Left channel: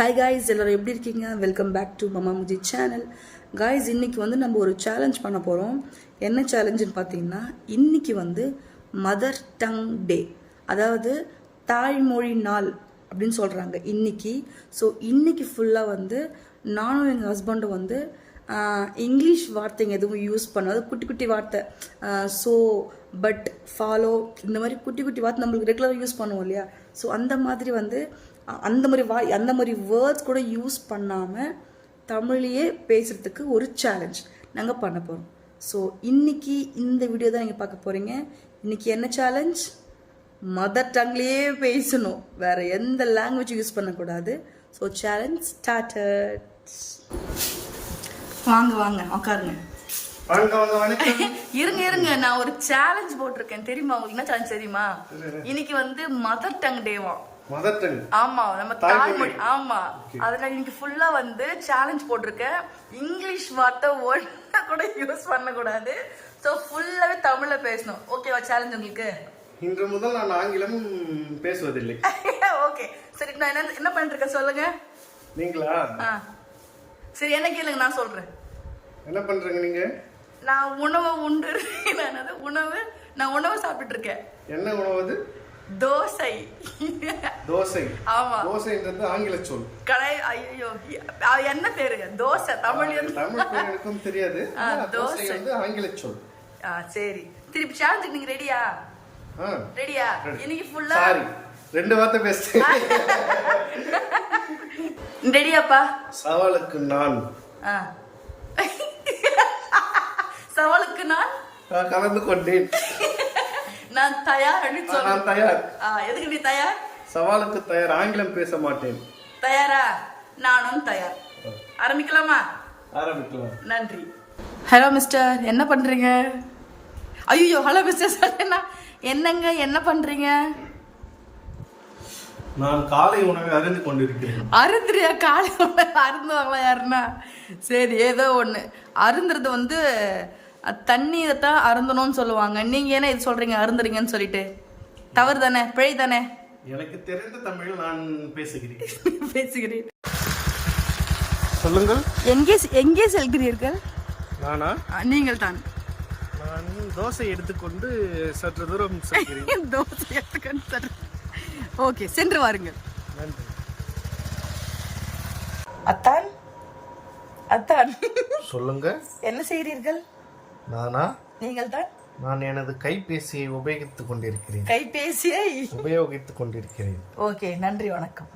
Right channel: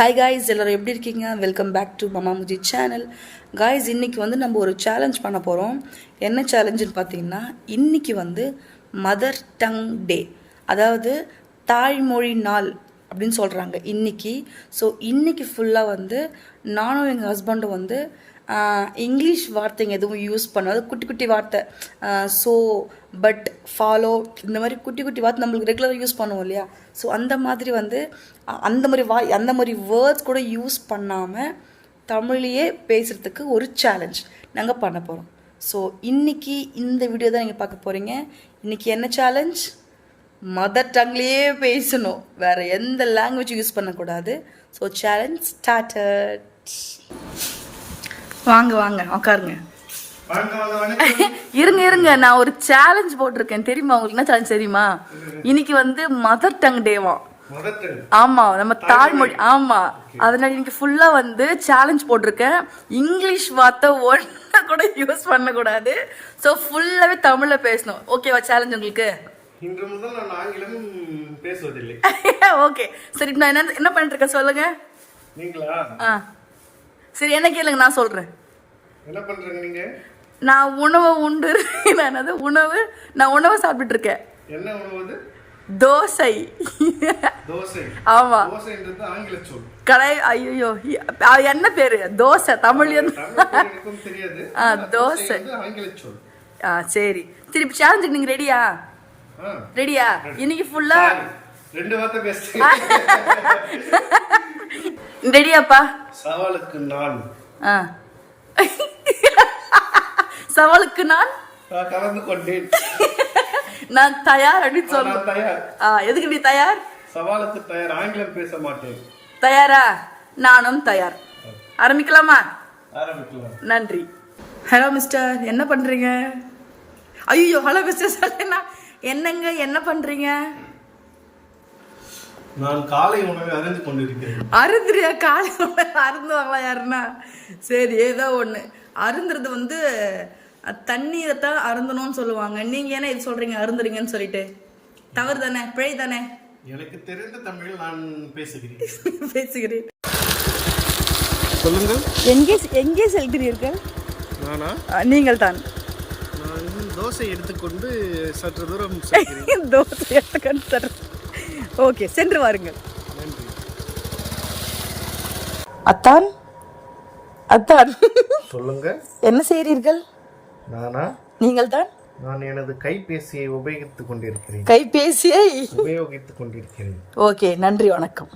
Hi guys, எல்லோரும் எப்படி இருக்கீங்க? Welcome back to Mama Muji channel. Guys, இன்றைக்கி வந்து நம்ம ஒரு சேலஞ்ச் பண்ண போகிறோம். என்ன சேலஞ்சுன்னு பார்த்தீங்கன்னா, இன்றைக்கி வந்து மதர் டங் டே, அதாவது தாய்மொழி நாள் அப்படின்னு சொல்கிறாங்க இன்றைக்கி. ஸோ இன்றைக்கி ஃபுல்லாக வந்து நானும் எங்கள் ஹஸ்பண்டும் வந்து இங்கிலீஷ் வார்த்தைங்க எதுவும் யூஸ் பண்ணாது. குட்டி குட்டி வார்த்தை, ஸோ, பட், ஃபாலோ, இந்த மாதிரி குட்டி குட்டி வார்த்தை நம்மளுக்கு ரெகுலராக யூஸ் பண்ணுவோம் இல்லையா? ஸோ அந்த மாதிரி வந்து அந்த மாதிரி வேர்ட்ஸ் கூட யூஸ் பண்ணாமல் தமிழையே பேசுகிறதுக்கு ஒரு சேலஞ்ச் நாங்கள் பண்ண போகிறோம். ஸோ இன்றைக்கி இந்த வீடியோ தான் நீங்கள் பார்க்க போகிறீங்க. இன்றைக்கி என்ன சேலஞ்ச்? மதர் டங்லேயே பேசணும், வேறு எந்த லாங்குவேஜ் யூஸ் பண்ணக்கூடாது. So challenge started. வாங்க வாங்க உட்காருங்க. இருங்க, நான் ஒரு சேலஞ்ச் போட்டிருக்கேன். தெரியுமா உங்களுக்கு? என்ன சேலஞ்ச் தெரியுமா? இன்னைக்கு வந்து மதர் டங் டேவா. ஆமா, நம்ம தாய்மொழி. ஆமா, அதனால இன்னைக்கு ஃபுல்லா வந்து சேலஞ்ச் போட்டிருக்கேன். இங்கிலீஷ் வார்த்தை ஒண்ணு கூட யூஸ் பண்ண கூடாது. சோ ஃபுல்லாவே தமிழ்ல பேசணும். ஓகேவா சேலஞ்ச் உங்களுக்கு? இன்று முதல் நான் ஆங்கிலம் பேசுவதில்லை. ஓகே, சரி. நான் என்ன பண்ணிட்டு இருக்கேன் சொல்லுங்க. நீங்களா? சரி, என்ன கேளுங்க, நான் சொல்றேன். என்ன பண்றீங்க நீங்க? நான் உணவு உண்டு. நான் உணவு சாப்பிட்டு இருக்கேன். என்ன உணவு அது? தோசை. தோசை? ஆமா. தோசைன்றது ஆங்கில சொல். ஐயோ, என்ன பேரு? தோசை தமிழ் எனக்கும் தெரியாது. தோசை ஆங்கில சொல். சரி, திருப்பி சேலஞ்சுக்கு நீங்க ரெடியா? ரெடியா? இன்னைக்கு ஃபுல்லா ரெண்டு வார்த்தை பேசுறேன். ரெடியாப்பா? சவாலுக்கு நான். சவாலுக்கு நான் கலந்து கொண்டேன். நான் தயார் அப்படின்னு சொல்ல. தயார். எதுக்கு நீ தயார்? சவாலுக்கு தயார். ஆங்கிலம் பேச மாட்டேன். தயாரா? நானும் தயார். ஆரம்பிக்கலாமா? ஆரம்பிக்கலாம். நன்றி. ஹலோ மிஸ்டர், என்ன பண்றீங்க? ஐயோ, ஹலோ மிஸ்டர் சொல்லுங்க. என்னங்க, என்ன பண்றீங்க? நான் காலை உணவை அருந்து கொண்டிருக்கிறேன். அருந்துறியா? காலை உணவை அருந்துவாங்களா யாருன்னா? சரி, ஏதோ ஒண்ணு. அருந்துறது வந்து தண்ணீரை தான் அருந்தணும்னு சொல்லுவாங்க. நீங்க என்ன இது சொல்றீங்க அருந்துறீங்கன்னு சொல்லிட்டு? தவறு தானே? பிழை தானே? எனக்கு தெரிந்த தமிழ் நான் பேசுகிறேன். பேசுகிறேன். சொல்லுங்கள். எங்கே செல்கிறீர்கள்? நானா? நீங்கள் தான். நான் தோசை எடுத்துக்கொண்டு சற்று தூரம் செல்கிறேன். தோசை எடுத்துக்கொண்டு. ஓகே, சென்று வாருங்கள். நன்றி. அத்தான், அத்தான் சொல்லுங்க. என்ன செய்கிறீர்கள்? நானா? நீங்கள் தான். நான் எனது கைபேசியை உபயோகித்துக் கொண்டிருக்கிறேன். கைபேசியை உபயோகித்துக் கொண்டிருக்கிறேன். ஓகே, நன்றி, வணக்கம்.